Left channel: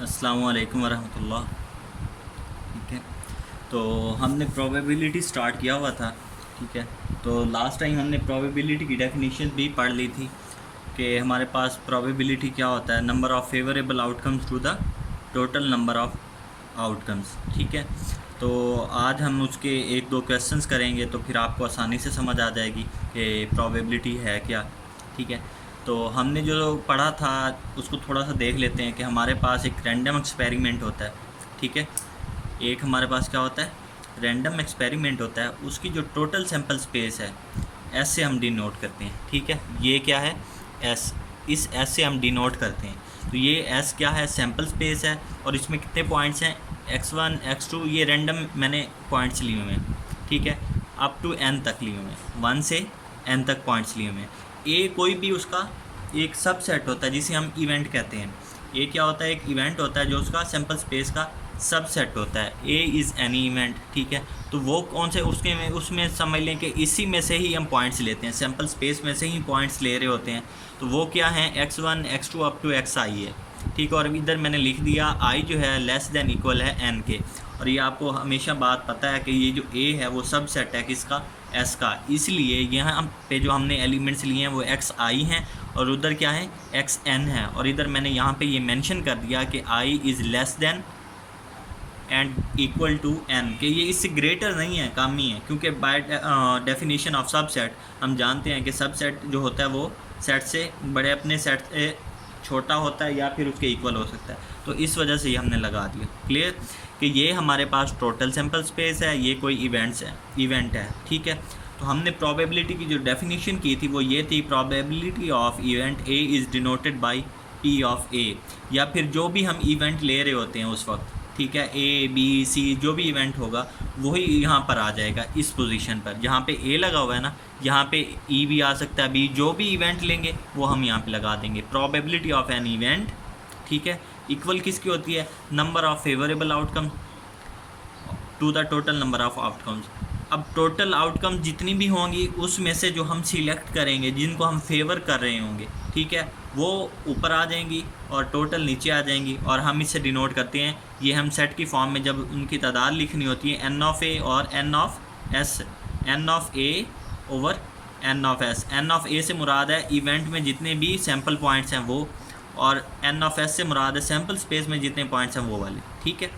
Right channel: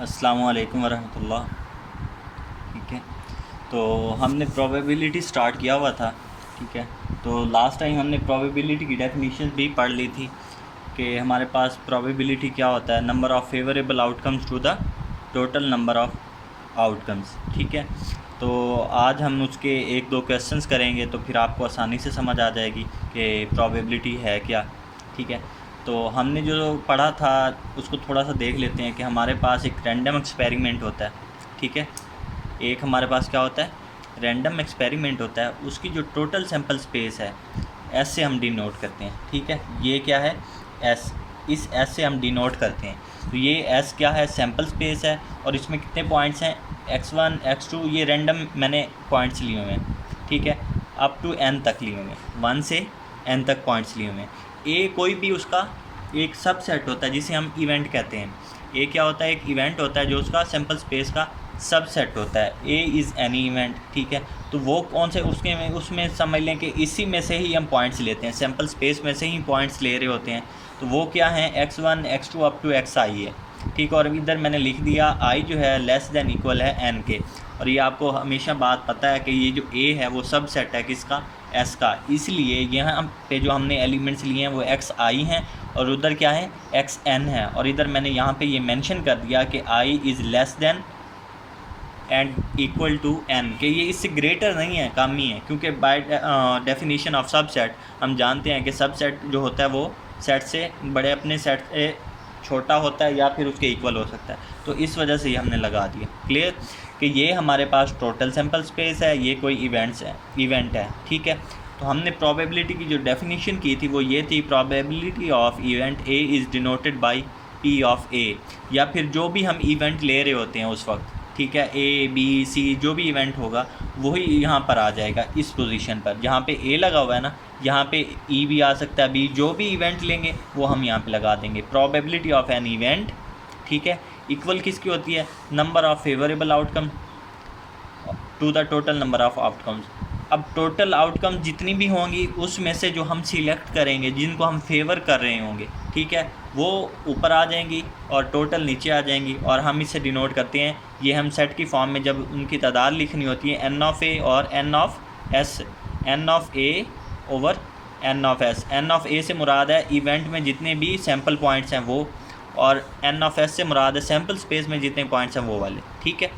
अस्सलामु अलैकुम वरहमतुल्लाह। ठीक है, तो हमने प्रोबेबिलिटी स्टार्ट किया हुआ था। ठीक है, तो लास्ट टाइम हमने प्रोबेबिलिटी की डेफिनेशन भी पढ़ ली थी कि हमारे पास प्रोबेबिलिटी क्या होता है, number of favourable outcomes to the total number of outcomes. ठीक है, तो आज हम उसके एक दो क्वेश्चंस करेंगे तो फिर आपको आसानी से समझ आ जाएगी कि प्रोबेबिलिटी है क्या। ठीक है, तो हमने जो पढ़ा था उसको थोड़ा सा देख लेते हैं कि हमारे पास एक रैंडम एक्सपेरिमेंट होता है। ठीक है, एक हमारे पास क्या होता है, रैंडम एक्सपेरिमेंट होता है। उसकी जो टोटल सैंपल स्पेस है एस से हम डिनोट करते हैं। ठीक है, ये क्या है, एस, इस एस से हम डिनोट करते हैं। तो ये एस क्या है, सैंपल स्पेस है और इसमें कितने पॉइंट्स हैं, x1 x2, ये रैंडम मैंने पॉइंट्स लिए हुए हैं। ठीक है, अप टू n तक लिए हुए हैं, 1 से n तक पॉइंट्स लिए हुए हैं। ए कोई भी उसका एक सबसेट होता है जिसे हम इवेंट कहते हैं। ए क्या होता है, एक इवेंट होता है जो उसका सैंपल स्पेस का सबसेट होता है। A is any event. ठीक है, तो वो कौन से उसके में, उसमें समझ लें कि इसी में से ही हम पॉइंट्स लेते हैं, सैंपल स्पेस में से ही पॉइंट्स ले रहे होते हैं। तो वो क्या है, x1 x2 up to xi है। ठीक है, और इधर मैंने लिख दिया i जो है लेस देन इक्वल है n के। और ये आपको हमेशा बात पता है कि ये जो a है वो सबसेट है किसका, s का। इसलिए यहाँ पे जो हमने एलिमेंट्स लिए हैं वो xi हैं और उधर क्या है, xn है। और इधर मैंने यहाँ पे ये मेंशन कर दिया कि i is less than and equal to n, कि ये इससे ग्रेटर नहीं है, कम ही है। क्योंकि बाय डेफिनेशन ऑफ सबसेट हम जानते हैं कि सबसेट जो होता है वो सेट से बड़े अपने सेट से छोटा होता है या फिर उसके इक्वल हो सकता है। तो इस वजह से ये हमने लगा दिया। क्लियर, कि ये हमारे पास टोटल सैंपल स्पेस है, ये कोई इवेंट है। ठीक है, तो हमने प्रोबेबिलिटी की जो डेफिनेशन की थी वो ये थी, probability of event A is denoted by P of A, या फिर जो भी हम इवेंट ले रहे होते हैं उस वक्त। ठीक है, ए बी सी जो भी इवेंट होगा वही यहाँ पर आ जाएगा, इस पोजीशन पर जहाँ पे ए लगा हुआ है ना, यहाँ पे ई भी आ सकता है, बी, जो भी इवेंट लेंगे वो हम यहाँ पे लगा देंगे। प्रोबेबिलिटी ऑफ एन इवेंट, ठीक है, इक्वल किसकी होती है, number of favourable outcome to the total number of outcomes. अब टोटल आउटकम जितनी भी होंगी उसमें से जो हम सिलेक्ट करेंगे, जिनको हम फेवर कर रहे होंगे, ठीक है, वो ऊपर आ जाएंगी और टोटल नीचे आ जाएंगी। और हम इससे डिनोट करते हैं, ये हम सेट की फॉर्म में जब उनकी तादाद लिखनी होती है, एन ऑफ़ ए और n of S, n of A over n of S. N of A से मुराद है इवेंट में जितने भी सैम्पल पॉइंट्स हैं वो, और एन ऑफ़ एस से मुराद है सैम्पल स्पेस में जितने पॉइंट्स हैं वो वाले। ठीक है,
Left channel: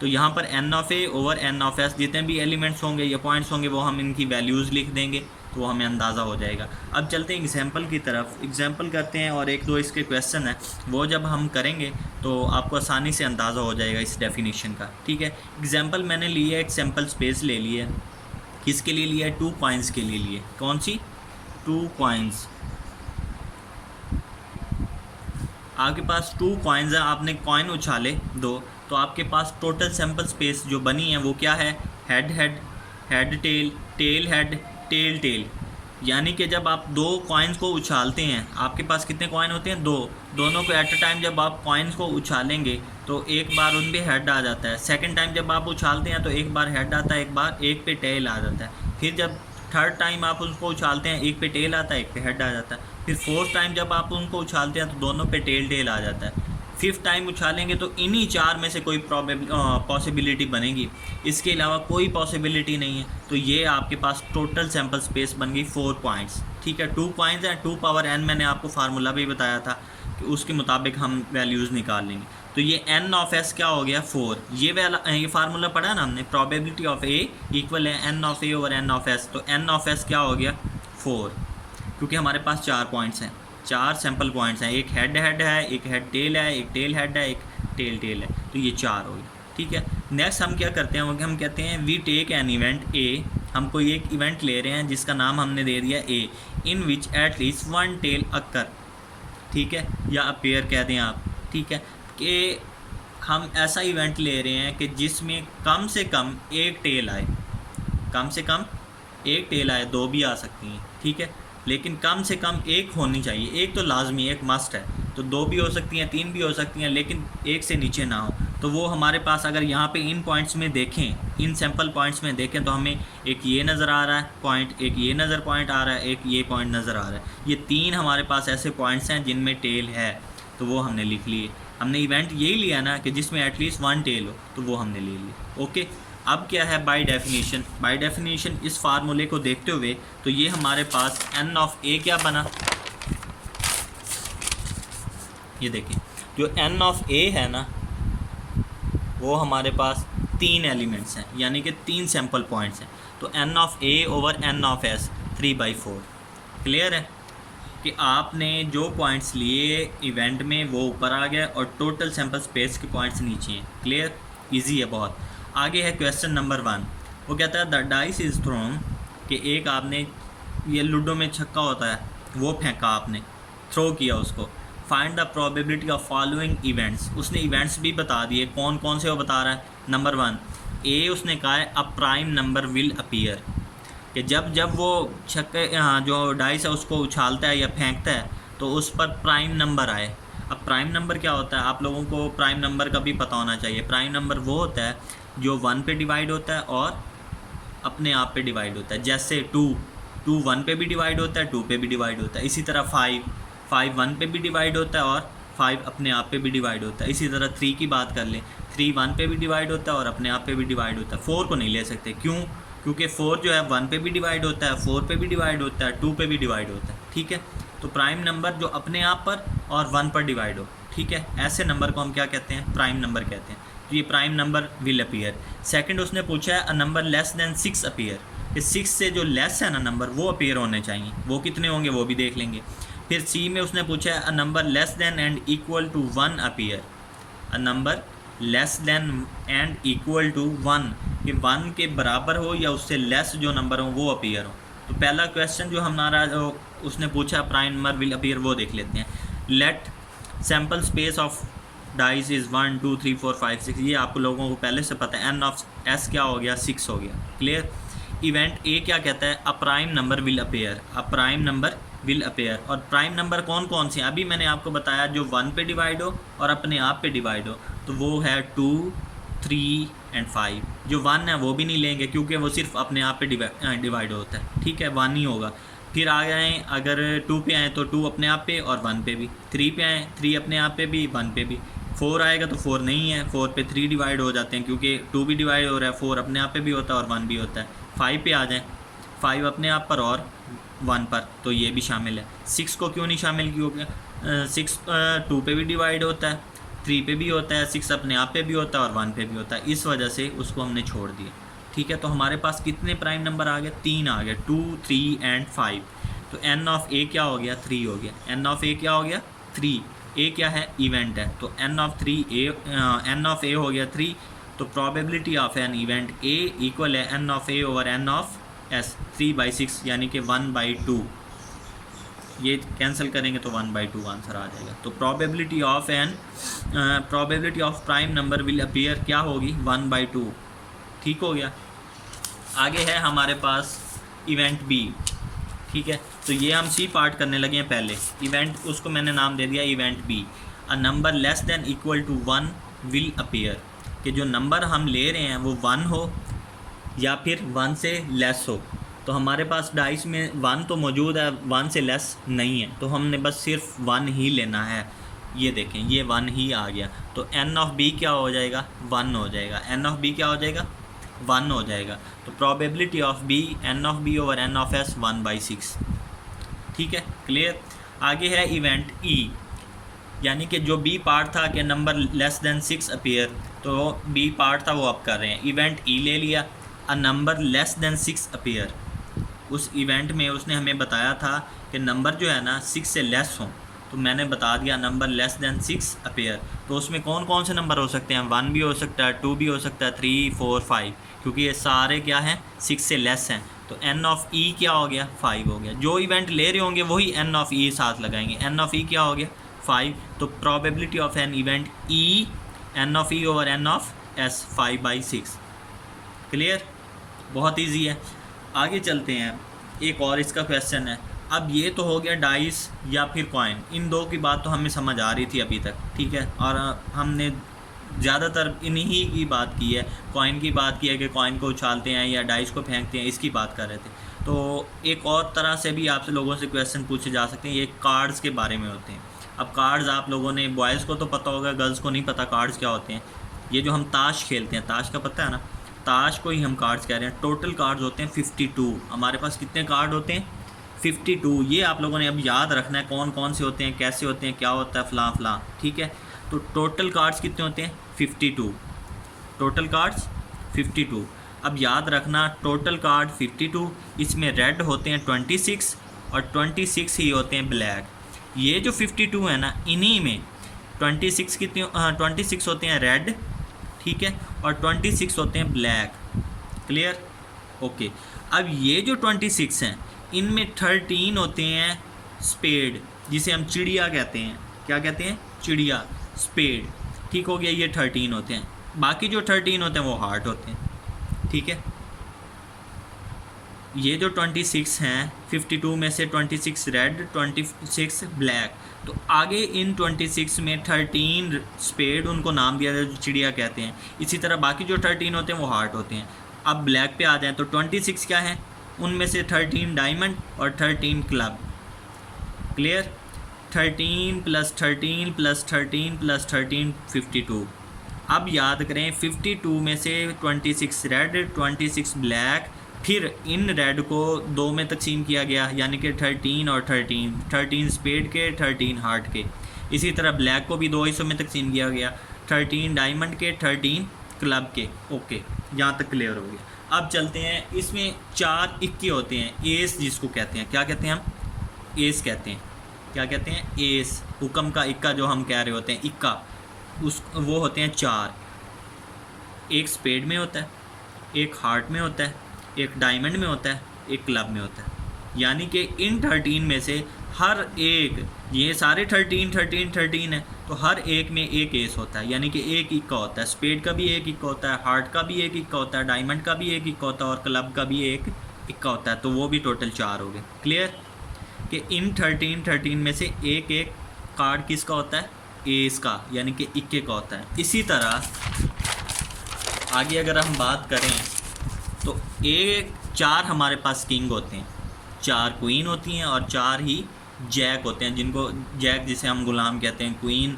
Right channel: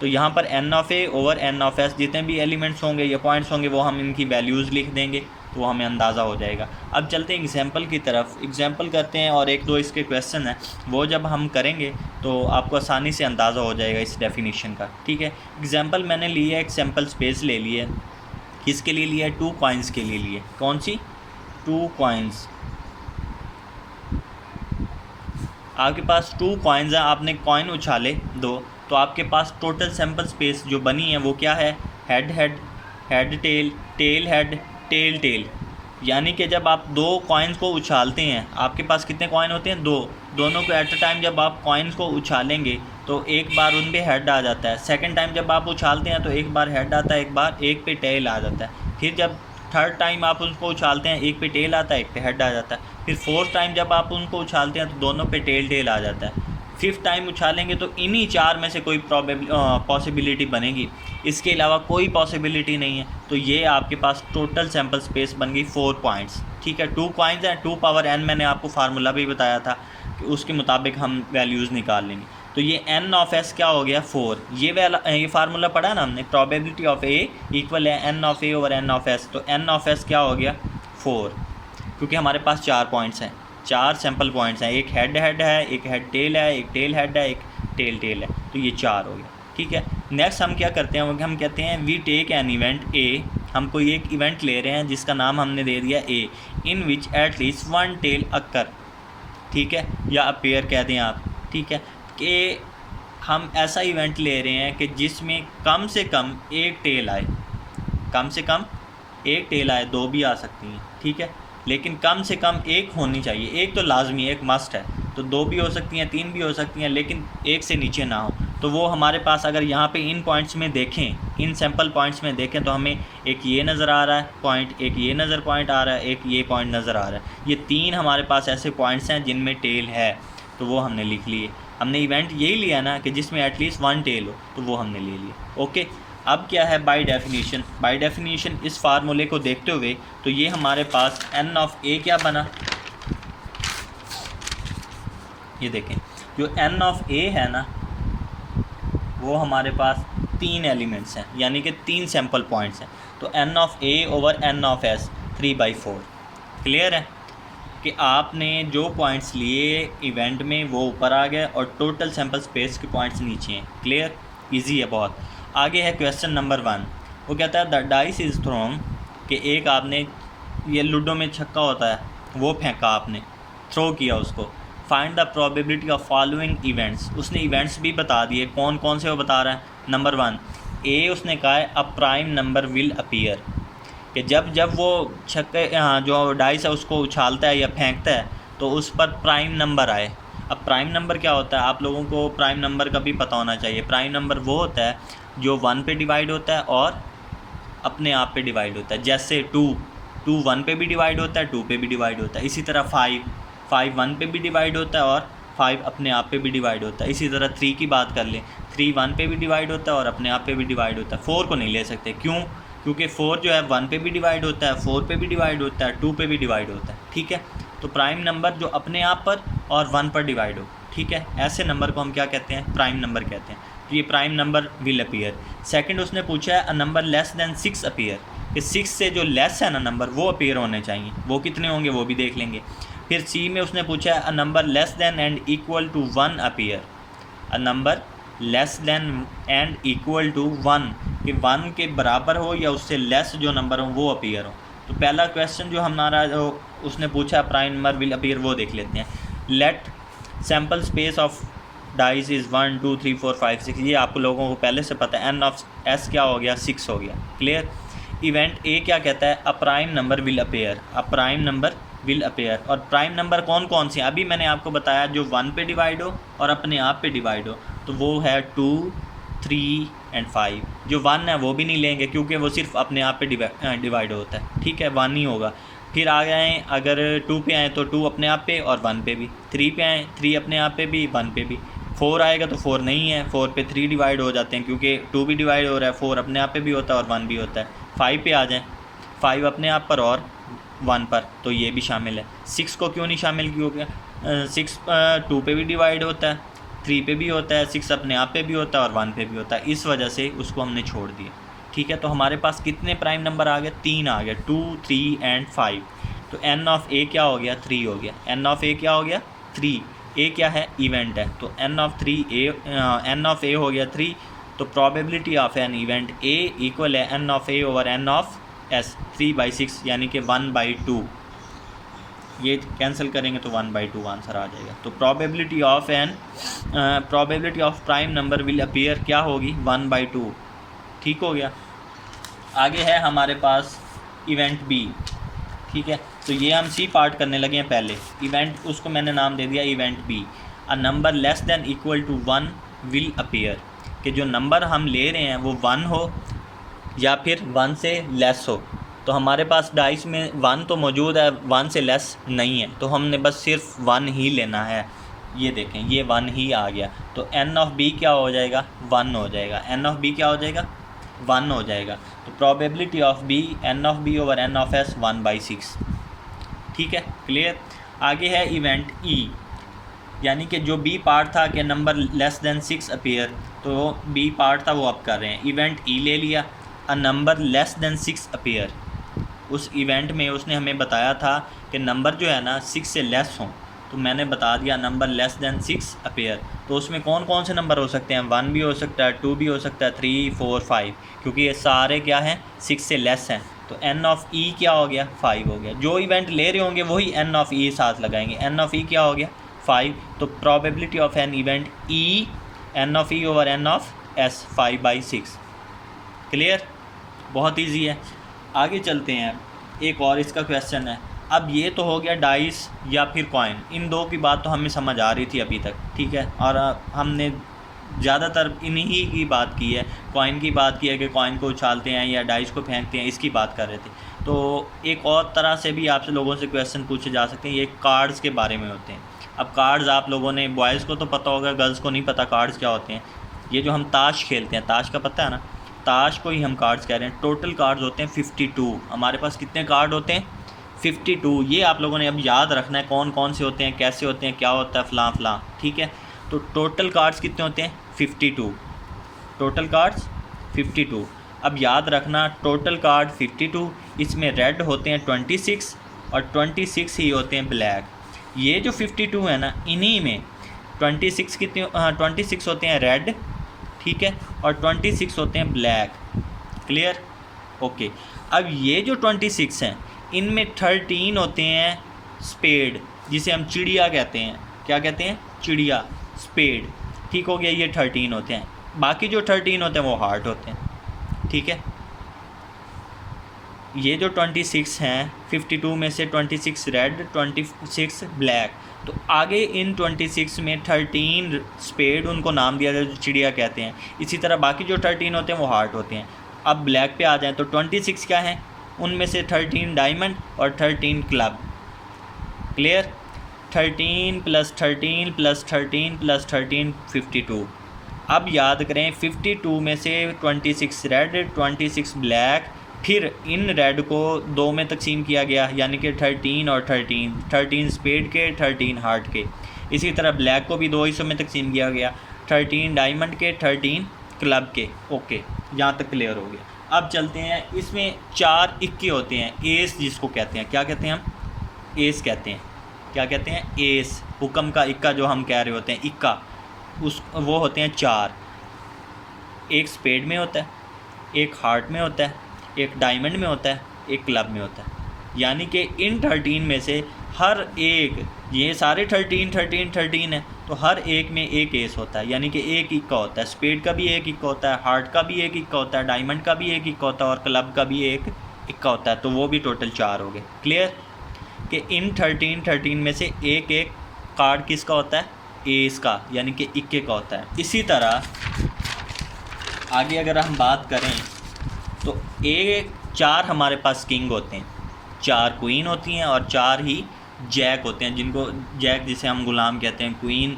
तो यहाँ पर n of A over n of S, जितने भी एलिमेंट्स होंगे या पॉइंट्स होंगे वो हम इनकी वैल्यूज़ लिख देंगे तो वो हमें अंदाज़ा हो जाएगा। अब चलते हैं एग्जांपल की तरफ, एग्जांपल करते हैं और एक दो इसके क्वेश्चन हैं, वो जब हम करेंगे तो आपको आसानी से अंदाज़ा हो जाएगा इस डेफिनेशन का। ठीक है, एग्जांपल मैंने लिया, एक सैम्पल स्पेस ले लिया, किसके लिए लिया, 2 कॉइन्स के लिए लिए। कौन सी, 2 कॉइन्स। आपके पास 2 कॉइन्स हैं, आपने कॉइन उछाले 2, तो आपके पास टोटल सैंपल स्पेस जो बनी है वो क्या है, head head, head tail, tail head, tail tail. यानी कि जब आप 2 कॉइन्स को उछालते हैं, आपके पास कितने कॉइन होते हैं, 2, दोनों को एट अ टाइम जब आप कॉइन्स को उछालेंगे तो एक बार उन पे हेड आ जाता है। सेकंड टाइम जब आप उछालते हैं तो एक बार हेड आता है, एक बार एक पे टेल आ जाता है। फिर जब थर्ड टाइम आप उसको उछालते हैं, एक पे टेल आता है, एक पे हेड आ जाता है। फिर फोर्थ टाइम जब आप उनको उछालते हैं तो दोनों पे टेल टेल आ जाता है। फिफ्थ टाइम उछालेंगे तो इन्हीं 4 में से कोई पॉसिबिलिटी बनेगी, इसके अलावा कोई पॉसिबिलिटी नहीं है। तो ये आपके पास टोटल सैंपल स्पेस बन गई 4 पॉइंट्स। ठीक है, 2 कॉइन्स हैं, 2 पावर n मैंने आपको फार्मूला भी बताया था कि उसके मुताबिक हम वैल्यूज़ निकाल लेंगे। तो ये n ऑफ s क्या हो गया, 4। ये फार्मूला पढ़ा ना हमने, प्रोबेबिलिटी ऑफ a इक्वल है n of a over n of s। तो n ऑफ s क्या हो गया, 4, क्योंकि हमारे पास 4 पॉइंट्स हैं, 4 सैंपल पॉइंट्स हैं, एक हेड हेड है, एक हेड टेल है, एक टेल हेड है, एक टेल टेल है, तो ये 4 हो गया। ठीक है, नेक्स्ट हम क्या करते हैं, हम कहते हैं we take an event A. हम कोई एक इवेंट ले रहे हैं जिसका नाम हमने दे दिया ए, इन विच एट लीस्ट 1 टेल अकर। ठीक है, या अपेयर कह दें आप। ठीक है, कि हम ऐसा इवेंट ले रहे हैं कि जिसमें कम से कम एक टेल आए, कम से कम एक टेल आए, 2 भी आ सकती हैं। ठीक है, लेकिन कम से कम एक होनी चाहिए, एक तो लाजमी, एक मस्ट है। तो 2 भी हो सकती हैं, 3 भी हो सकती हैं, लेकिन एक से नीचे ना हो। तो वो हमारे पास अगर यहाँ पे इन पॉइंट्स में देखें, इन सैम्पल पॉइंट्स में देखें तो हमें एक ये नज़र आ रहा है पॉइंट, एक ये पॉइंट आ रहा है, एक ये पॉइंट नज़र आ रहा है। ये 3 हमारे पास ऐसे पॉइंट्स हैं जिनमें टेल है, तो वो हमने लिख लिए। हमने इवेंट यही लिया ना कि जिसमें एटलीस्ट 1 टेल हो, तो वो हमने ले लिया। ओके, अब क्या है बाय डेफिनेशन इस फार्मूले को देखते हुए तो ये हमारे पास n ऑफ a क्या बना, ये देखें जो n ऑफ a है ना वो हमारे पास 3 एलिमेंट्स हैं, यानी कि 3 सैम्पल पॉइंट्स हैं। तो n of a over n of s 3/4। Clear है कि आपने जो पॉइंट्स लिए इवेंट में वो ऊपर आ गए और टोटल सैम्पल स्पेस के पॉइंट्स नीचे हैं। क्लियर, इजी है बहुत। आगे है क्वेश्चन नंबर 1, वो कहता है द डाइस इज़ थ्रोन, कि एक आपने ये लूडो में छक्का होता है वो फेंका, आपने थ्रो किया उसको। Find the probability of following events, उसने इवेंट्स भी बता दिए, कौन कौन से वो बता रहा है। नंबर 1 ए, उसने कहा है a prime number will appear, कि जब वो छक्के जो डाइस है उसको उछालता है या फेंकता है तो उस पर प्राइम नंबर आए। अब प्राइम नंबर क्या होता है, आप लोगों को प्राइम नंबर का भी पता होना चाहिए। प्राइम नंबर वो होता है जो 1 पे डिवाइड होता है और अपने आप पे डिवाइड होता है। जैसे 2 1 पे भी डिवाइड होता है, 2 पे भी डिवाइड होता है। इसी तरह 5 1 पे भी डिवाइड होता है और 5 अपने आप पे भी डिवाइड होता है। इसी तरह 3 की बात कर लें, 3 1 पे भी डिवाइड होता है और अपने आप पे भी डिवाइड होता है। 4 को नहीं ले सकते, क्यों? क्योंकि 4 जो है 1 पे भी डिवाइड होता है, 4 पे भी डिवाइड होता है, 2 पे भी डिवाइड होता है। ठीक है, तो प्राइम नंबर जो अपने आप पर और 1 पर डिवाइड हो, ठीक है, ऐसे नंबर को हम क्या कहते हैं, प्राइम नंबर कहते हैं। तो ये prime number will appear. Second उसने पूछा है a number less then 6 appear, कि 6 से जो लेस है ना नंबर वो अपीयर होने चाहिए। वो कितने होंगे वो भी देख लेंगे। फिर सी में उसने पूछा है a number less than and equal to 1 appear, a number less than and equal to 1, कि 1 के बराबर हो या उससे लेस जो नंबर हो वो अपीयर हो। तो पहला क्वेश्चन जो हमारा उसने पूछा प्राइम नंबर विल अपीयर वो देख लेते हैं। Let sample space of dice is 1 2 3 4 5 6, ये आप लोगों को पहले से पता है। एन ऑफ एस क्या हो गया, 6 हो गया। क्लियर। इवेंट ए क्या कहता है, a prime number will appear, a prime number will appear. और प्राइम नंबर कौन कौन से हैं, अभी मैंने आपको बताया जो 1 पे डिवाइड हो और अपने आप पे डिवाइड हो, तो वो है 2 3 एंड 5। जो 1 है वो भी नहीं लेंगे क्योंकि वो सिर्फ अपने आप पे डिवाइड होता है। ठीक है, 1 ही होगा। फिर आ गए अगर 2 पे आए तो 2 अपने आप पे और 1 पे भी। 3 पे आए 3 अपने आप पे भी 1 पे भी। 4 आएगा तो 4 नहीं है, 4 पे 3 डिवाइड हो जाते हैं क्योंकि 2 भी डिवाइड हो रहा है, 4 अपने आप पे भी होता है और 1 भी होता है। 5 पे आ जाएँ, 5 अपने आप पर और 1 पर, तो ये भी शामिल है। 6 को क्यों नहीं शामिल किया, 6 2 पे भी डिवाइड होता है, 3 पे भी होता है, 6 अपने आप पे भी होता है और 1 पे भी होता है। इस वजह से उसको हमने छोड़ दिया। ठीक है, तो हमारे पास कितने प्राइम नंबर आ गए, 3 आ गए, 2 3 एंड 5। तो एन ऑफ ए क्या हो गया, 3 हो गया। एन ऑफ ए क्या हो गया, 3। ए क्या है, इवेंट है, तो एन ऑफ ए हो गया 3। तो probability of an event A equal है N of A over N of S, 3/6, यानी कि 1/2। ये कैंसिल करेंगे तो 1/2 आंसर आ जाएगा। तो probability of prime number will appear क्या होगी, 1/2। ठीक हो गया। आगे है हमारे पास इवेंट बी। ठीक है, तो ये हम सी पार्ट करने लगे हैं। पहले इवेंट, उसको मैंने नाम दे दिया event B. A number less than equal to 1 will appear, कि जो नंबर हम ले रहे हैं वो 1 हो या फिर 1 से लेस हो। तो हमारे पास डाइस में 1 तो मौजूद है, 1 से लेस नहीं है, तो हमने बस सिर्फ 1 ही लेना है। ये देखें, ये 1 ही आ गया, तो एन ऑफ बी क्या हो जाएगा, 1 हो जाएगा। एन ऑफ बी क्या हो जाएगा, 1 हो जाएगा। तो probability of B, n of B over N of S 1/6। ठीक है, क्लियर। आगे है इवेंट ई, यानी कि जो बी पार्ट था कि नंबर लेस देन 6 अपीयर, तो बी पार्ट था वो अब कर रहे हैं। इवेंट ई ले लिया, अ नंबर लेस देन 6 अपीयर। उस इवेंट में उसने हमें बताया था कि नंबर जो है ना 6 से लेस हों, तो मैंने बता दिया नंबर लेस देन 6 अपीयर। तो उसमें कौन कौन से नंबर हो सकते हैं, 1 भी हो सकता है, 2 भी हो सकता है, 3 4 5, क्योंकि ये सारे क्या हैं, 6 से लेस हैं। तो एन ऑफ ई क्या हो गया, 5 हो गया। जो इवेंट ले रहे होंगे वही एन ऑफ ई साथ लगाएंगे। एन ऑफ ई क्या हो गया, 5। तो probability of an event E, n of E over N of S 5/6। Clear, बहुत ईजी है। आगे चलते हैं, एक और इसका क्वेश्चन है। अब ये तो हो गया डाइस या फिर कॉइन, इन दो की बात तो हमें समझ आ रही थी अभी तक। ठीक है, और हमने ज़्यादातर इन्हीं की बात की है, कॉइन की बात की है कि कॉइन को उछालते हैं या डाइस को फेंकते हैं, इसकी बात कर रहे थे। तो एक और तरह से भी आपसे लोगों से क्वेश्चन पूछे जा सकते हैं, ये कार्ड्स के बारे में होते हैं। अब कार्ड्स आप लोगों ने, बॉयज़ को तो पता होगा, गर्ल्स को नहीं पता कार्ड्स क्या होते हैं। ये जो हम ताश खेलते हैं, ताश का पता है ना, ताश को ही हम कार्ड्स कह रहे हैं। टोटल कार्ड्स होते हैं 52। हमारे पास कितने कार्ड होते हैं? 52। ये आप लोगों ने अब याद रखना है कौन कौन से होते हैं, कैसे होते हैं, क्या होता है, फ़लाँ फ़लाँ, ठीक है। तो टोटल कार्ड्स कितने होते हैं? 52। Total cards 52। अब याद रखना टोटल कार्ड 52, इसमें रेड होते हैं 26 और 26 ही होते हैं ब्लैक। ये जो 52 है ना, इन्हीं में 26 कितने 26 होते हैं रेड, ठीक है, और 26 होते हैं ब्लैक। क्लियर? ओके। अब ये जो 26 हैं, इनमें 13 होते हैं स्पेड, जिसे हम चिड़िया कहते हैं। क्या कहते हैं? चिड़िया, स्पेड, ठीक हो गया। ये 13 होते हैं। बाकी जो 13 होते हैं वो हार्ट होते हैं, ठीक है। ये जो 26 हैं, 52 में से 26 रेड, 26 ब्लैक, तो आगे इन 26 में 13 स्पेड, उनको नाम दिया जाए जो चिड़िया कहते हैं। इसी तरह बाकी जो 13 होते हैं वो हार्ट होते हैं। अब ब्लैक पे आ जाएं तो 26 क्या हैं? उनमें से 13 डायमंड और 13 क्लब। क्लियर? 13 + 13 + 13 + 13 52। अब याद करें 52 में से 26 रेड, 26 ब्लैक, फिर इन रेड को 2 में तकसीम किया गया, यानी कि 13 और 13 स्पेड के, 13 हार्ट के। इसी तरह ब्लैक को भी 2 हिस्सों में तकसीम किया गया, 13 डायमंड के, 13 क्लब के। ओके, यहाँ तक क्लियर हो गया। अब चलते हैं, इसमें 4 इक्के होते हैं, एस जिसको कहते हैं। क्या कहते हैं हम? एस कहते हैं। क्या कहते हैं? एस, हुक्म का इक्का जो हम कह रहे होते हैं, इक्का, वो होते हैं 4। एक स्पेड में होता है, एक हार्ट में होता है, एक डायमंड में होता है, एक क्लब में होता है। यानी कि इन 13 में से हर एक, ये सारे 13 है, तो हर एक में एक एस होता है, यानी कि एक इक्का होता है। स्पेड का भी एक इक्का होता है, हार्ट का भी एक इक्का होता है, डायमंड का भी एक इक्का होता है और क्लब का भी एक इक्का होता है। तो वो भी टोटल 4 हो गए। क्लियर? कि इन 13 में से एक एक कार्ड किसका होता है? एस का, यानी कि इक्के का होता है। इसी तरह आगे अगर हम बात करें तो 4 हमारे पास किंग होते हैं, 4 क्वीन होती हैं और 4 ही जैक होते हैं, जिनको जैक जिसे हम गुलाम कहते हैं। क्वीन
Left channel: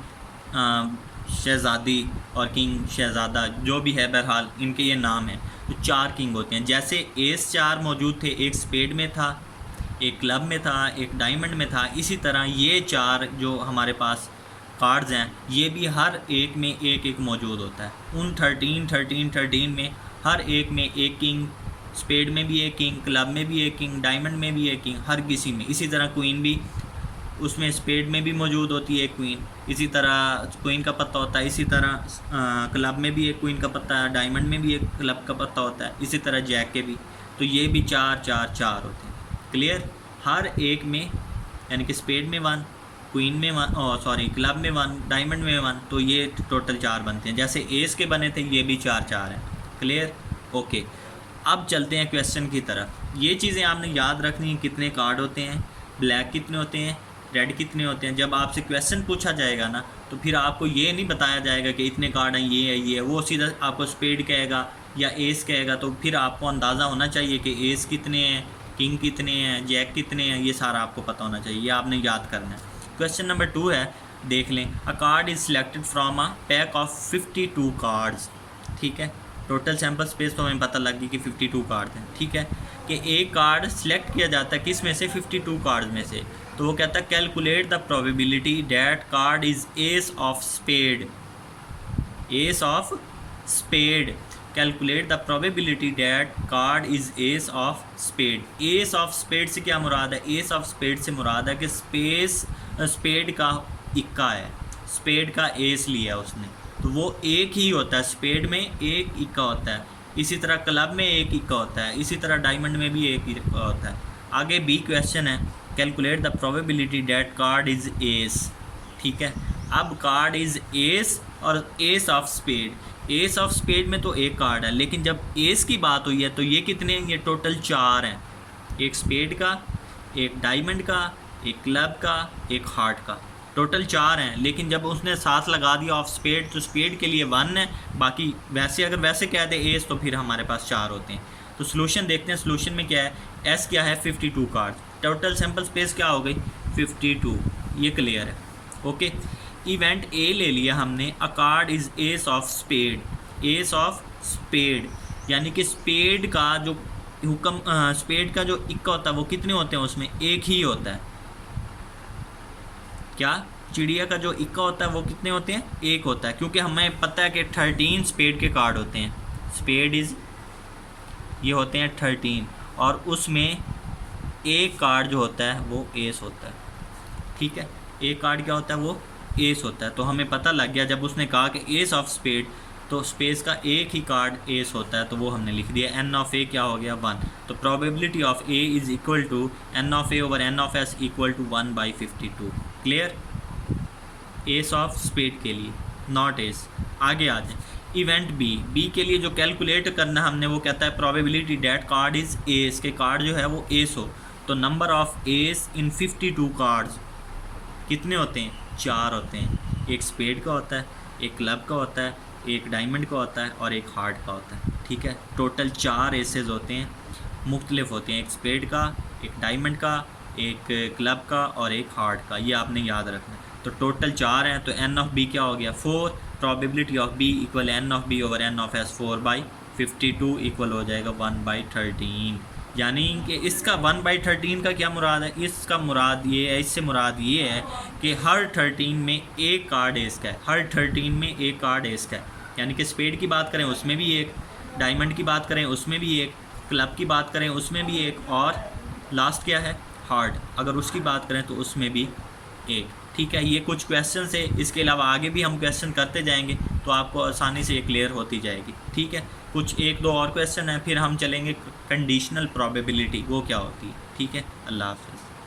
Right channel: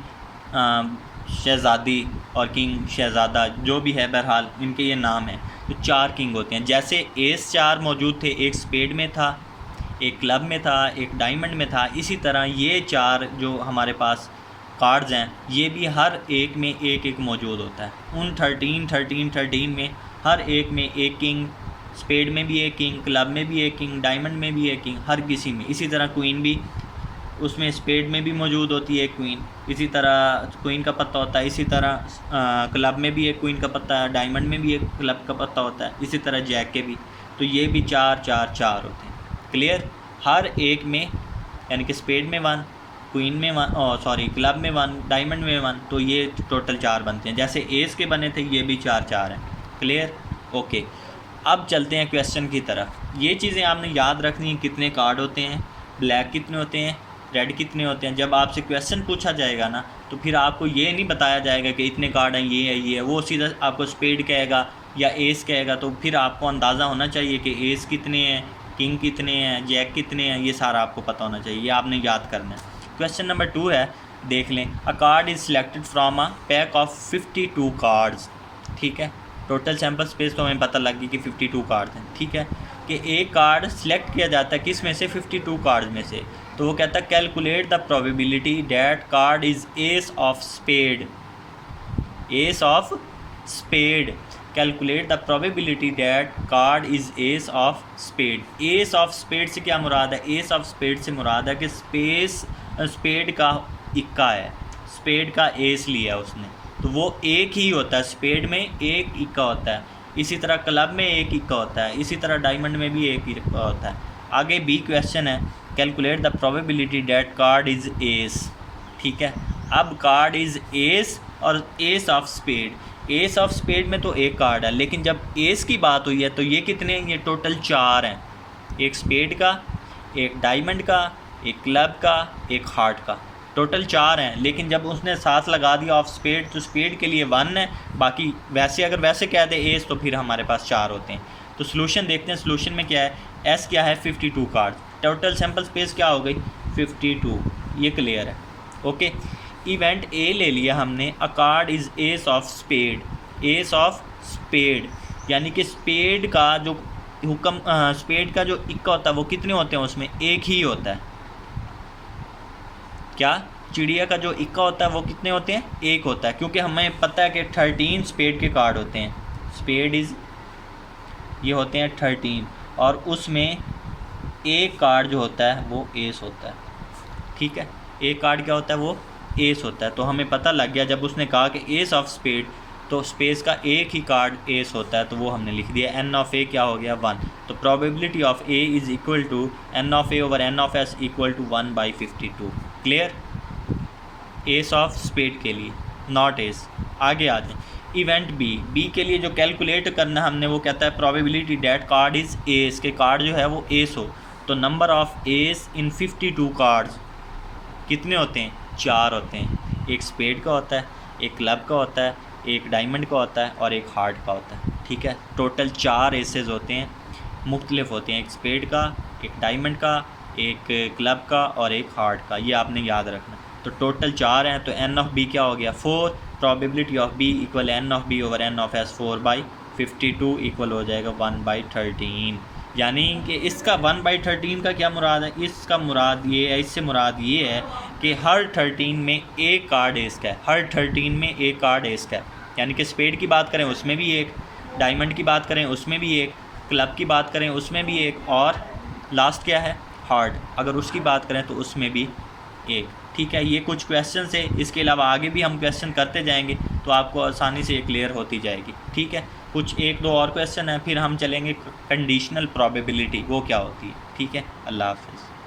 शहज़ादी और किंग शहज़ादा, जो भी है, बहरहाल इनके ये नाम हैं। तो 4 किंग होते हैं। जैसे एस 4 मौजूद थे, एक स्पेड में था, एक क्लब में था, एक डायमंड में था, इसी तरह ये 4 जो हमारे पास कार्ड्स हैं, ये भी हर एक में एक एक मौजूद होता है। उन 13 में हर एक में एक किंग, स्पेड में भी एक किंग, क्लब में भी एक किंग, डायमंड में भी एक किंग, हर किसी में। इसी तरह क्वीन भी, उसमें स्पेड में भी मौजूद होती है एक क्वीन, इसी तरह क्वीन का पत्ता होता है। इसी तरह क्लब में भी एक क्वीन का पत्ता है, डायमंड में भी एक क्लब का पत्ता होता है, इसी तरह जैक के भी। तो ये भी 4 होते हैं। क्लियर? हर एक में, यानी कि स्पेड में 1, क्वीन में 1, क्लब में 1, डायमंड में 1, तो ये टोटल 4 बनते हैं। जैसे एस के बने थे, ये भी 4 हैं। क्लियर? ओके। अब चलते हैं क्वेश्चन की तरफ। ये चीज़ें आपने याद रखनी है, कितने कार्ड होते हैं, ब्लैक कितने होते हैं, रेड कितने होते हैं। जब आपसे क्वेश्चन पूछा जाएगा ना, तो फिर आपको ये नहीं बताया जाएगा कि इतने कार्ड हैं, ये है, वो सीधा आपको स्पेड कहेगा या एस कहेगा। तो फिर आपको अंदाज़ा होना चाहिए कि एस कितने हैं, किंग कितने हैं, जैक कितने हैं, ये सारा आपको पता होना चाहिए। ये आपने याद करना है। क्वेश्चन नंबर 2 है, देख लें। अ card is selected from a pack of 52 cards. ठीक है, टोटल सैम्पल स्पेस तो हमें पता लग गई कि 52 कार्ड हैं। ठीक है, कि एक कार्ड सिलेक्ट किया जाता है किस में से? 52 कार्ड्स में से। तो वो कहता है calculate the probability that card is ace of spade. Ace of spade, calculate the probability that card is ace of spade. Ace of spade से क्या मुराद है? एस ऑफ स्पेड से मुराद है कि स्पेड का इक्का है, स्पेड का एस लिया उसने, तो वो एक ही होता है। स्पेड में एक इक्का होता है, इसी तरह क्लब में एक इक्का होता है, इसी तरह डायमंड में भी एक इक्का होता है। आगे बी क्वेश्चन है, calculate the probability that card is ace. ठीक है, अब कार्ड इज़ एस और ace of spade. Ace of spade में तो एक कार्ड है, लेकिन जब एस की बात हुई है तो ये कितने हैं? ये टोटल 4 हैं। एक स्पेड का, एक डायमंड का, एक क्लब का, एक हार्ट का, टोटल 4 हैं। लेकिन जब उसने साथ लगा दिया ऑफ स्पेड, तो स्पेड के लिए 1 है, बाकी वैसे अगर वैसे कह दे एस तो फिर हमारे पास 4 होते हैं। तो सोल्यूशन देखते हैं, सोल्यूशन में क्या है? एस क्या है? 52 कार्ड। टोटल सैम्पल स्पेस क्या हो गई? 52। ये क्लियर है। ओके, इवेंट ए ले लिया हमने, a card is ace of spade, ace of spade यानी कि स्पेड का जो स्पेड का जो इक्का होता है वो कितने होते हैं, उसमें एक ही होता है। क्या चिड़िया का जो इक्का होता है वो कितने होते हैं, एक होता है, क्योंकि हमें पता है कि 13 स्पेड के कार्ड होते हैं। स्पेड इज़ ये होते हैं 13 और उसमें एक कार्ड जो होता है वो एस होता है। ठीक है, एक कार्ड क्या होता है, वो एस होता है। तो हमें पता लग गया जब उसने कहा कि एस ऑफ स्पेड, तो स्पेस का एक ही कार्ड एस होता है, तो वो हमने लिख दिया। एन ऑफ ए क्या हो गया, 1। तो probability of A is equal to n of A over N of S equal to 1/52। Clear, ace of spade के लिए, नॉट एस। आगे आ जाए, इवेंट बी, बी के लिए जो कैलकुलेट करना हमने वो कहता है probability that card is S, के कार्ड जो है वो एस हो। तो number of S in 52 cards कितने होते हैं, 4 होते हैं। एक स्पेड का होता है, एक क्लब का होता है, एक डायमंड का होता है और एक हार्ट का होता है। ठीक है, टोटल 4 एसेस होते हैं, मुख्तलिफ होते हैं, एक स्पेड का, एक डायमंड का, एक क्लब का और एक हार्ट का। ये आपने याद रखना। तो टोटल 4 हैं, तो एन ऑफ बी क्या हो गया, 4। Probability of B equal n of B over N of S, 4/52 equal हो जाएगा 1/13। यानी कि इसका 1/13 का क्या मुराद है, इसका मुराद ये है, इससे मुराद ये है कि हर 13 में एक कार्ड एस का है, हर 13 में एक कार्ड एस का है। यानी कि स्पेड की बात करें उसमें भी एक, डायमंड की बात करें उसमें भी एक, क्लब की बात करें उसमें भी एक, और लास्ट क्या है, हार्ट, अगर उसकी बात करें तो उसमें भी एक। ठीक है, ये कुछ क्वेश्चन है, इसके अलावा आगे भी हम क्वेश्चन करते जाएंगे तो आपको आसानी से ये क्लियर होती जाएगी। ठीक है, कुछ 1-2 और क्वेश्चन हैं, फिर हम चलेंगे कंडीशनल प्रोबेबिलिटी, वो क्या होती है। ठीक है, अल्लाह हाफ़िज़।